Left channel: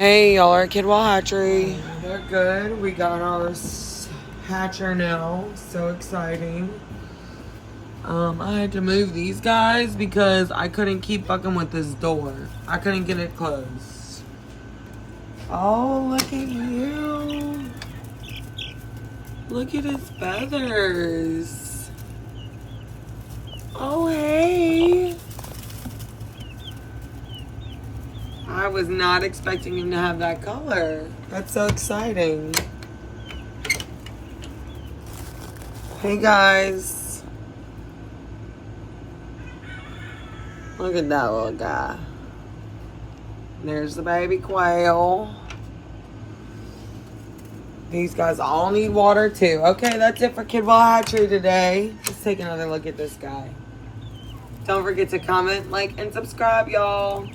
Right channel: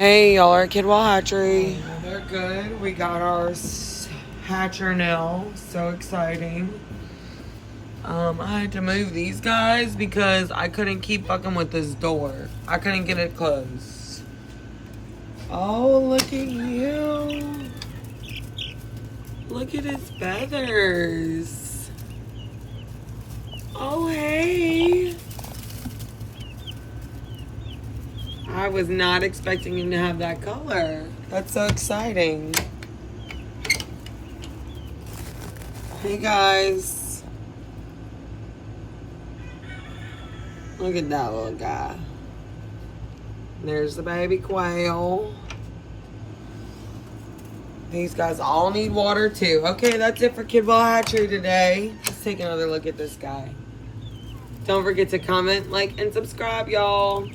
Hey, y'all are at Kidwell Hatchery. They're good. We got our hatcher now. So exciting. I had to move these guys because I couldn't keep fucking with this door. I couldn't get it closed. Oh, look at you. Look at his feathers. Oh, hey. I was not expecting him to have that color. That's so exciting. Hey guys. Look at that little guy. There's the baby quail. These guys all need water too. Okay, that's it for Kidwell Hatchery today. Let's take another look at this guy. Don't forget to comment, like, and subscribe, y'all.